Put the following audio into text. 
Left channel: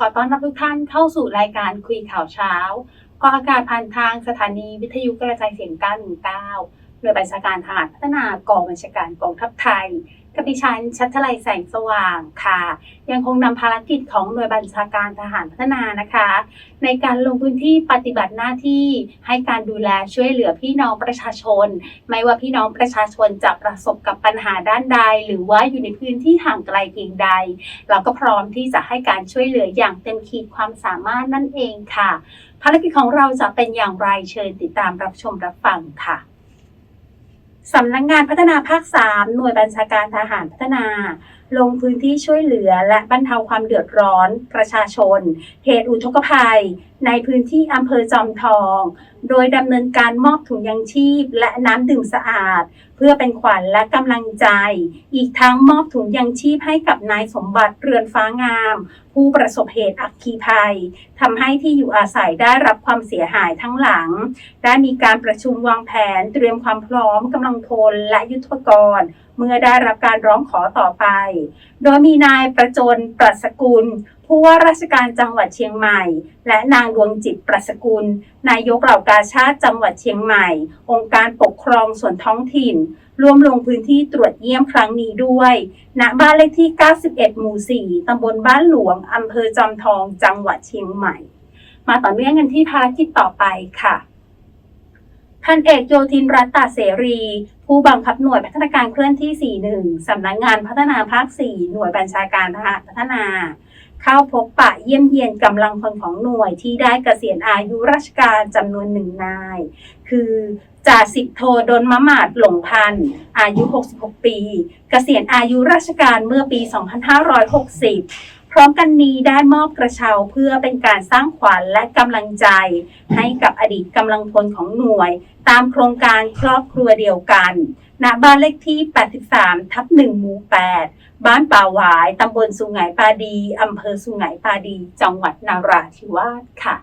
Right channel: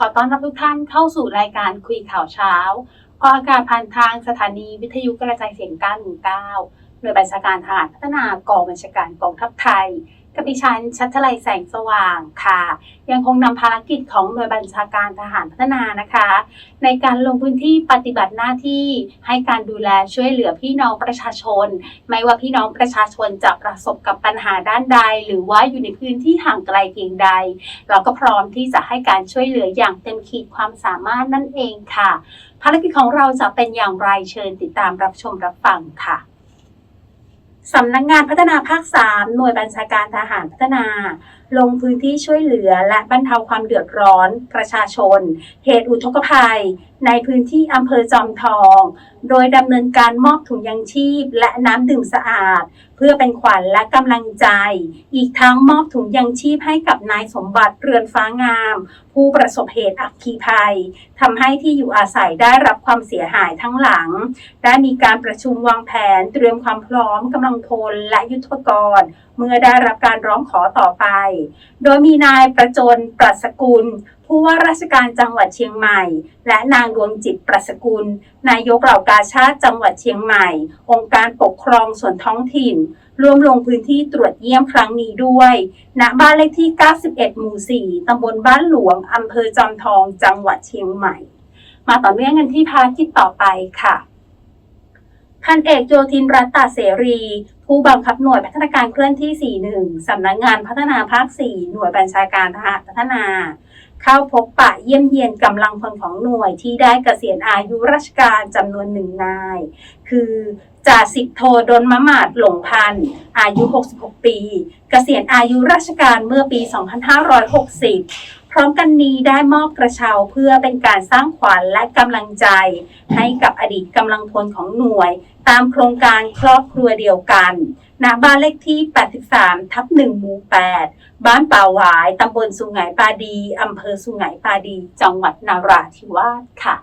ขอต้อนรับทุกท่านเข้าสู่รายการคุยข่าวเช้า ออกอากาศผ่านทางสถานีวิทยุกระจายเสียง 919โดยบัญชาการทหารพัฒนากองบัญชาการกองทัพไทย กับดิฉันชัชลัยแสงสว่างค่ะ ยังคงนำภารกิจของหน่วยบัญชาการทหารพัฒนานะคะ ในการลงพื้นที่ปฏิบัติหน้าที่ให้การดูแลช่วยเหลือพี่น้องประชาชน ไม่ว่าพี่น้องประชาชนจะประสบกับปัญหาด้านใด หรือว่าอยู่ในพื้นที่ห่างไกลเพียงใด เราก็พร้อมที่จะให้การช่วยเหลืออย่างเต็มขีดความสามารถนั่นเองค่ะ ภารกิจของเราจะเป็นอย่างไรเชิญติดตามรับชมรับฟังค่ะ สำนักงงานพัฒนาภาค 3 หน่วยบัญชาการทหารพัฒนา ลงพื้นที่ช่วยเหลือและบรรเทาความเดือดร้อนประชาชน เหตุอุทกภัย ในพื้นที่อำเภอจอมทอง โดยดำเนินการมอบถุงยังชีพและน้ำดื่มสะอาด เพื่อเป็นขวัญและกำลังใจ อีกทั้งมอบถุงยังชีพให้กับนายสมบัติเรือนฟ้างาม ผู้ประสบเหตุอัคคีภัยทำให้ที่อยู่อาศัยได้รับความเสียหายทั้งหลัง ได้มีการประชุมวางแผนเตรียมความพร้อมกำลังพลและยุทธปกรณ์ เมื่อได้รับการร้องขอต่อไปโดยมีนายประจนปรัสกุล ผู้ว่าราชการจังหวัดเชียงใหม่ และนางดวงจิตปรัสกุล นายกเหล่ากาชาติจังหวัดเชียงใหม่ องค์การปกครองส่วนท้องถิ่น ร่วมลงพื้นที่ตรวจเยี่ยมครั้งนี้ด้วย ณ บ้านเลขที่ 91 หมู่ 4 ตำบลบ้านหลวง อำเภอจอมทอง จังหวัดเชียงใหม่ มาต่อเนื่องกันที่ภารกิจต่อไปค่ะ พันเอกโยธินรัตตาเสรี ผู้บังคับหน่วยพัฒนาการเคลื่อนที่ 41 สำนักงานพัฒนาภาค 4 หน่วยบัญชาการทหารพัฒนา เข้าพบปะเยี่ยมเยียนกำลังพลของหน่วยที่ได้เกษียณอายุราชการจำนวนหนึ่งนาย คือจ่าสิบโทดนมะมาดหลงพันธ์อายุ 66 ปีเกษียณอายุราชการเมื่อปี 2560 ร้อมกันนี้ได้มอบกระเช้าเพื่อเป็นการสร้างขวัญและกำลังใจ ให้กับอดีตกำลังพลของหน่วย ตามโครงการครอบครัวเดียวกันณบ้านเลขที่ 83 ทับ1หมู่ 8 บ้านป่าหวาย ตำบลสุไหงปาดี อำเภอสุไหงปาดี จังหวัดนาราธิวาสค่ะ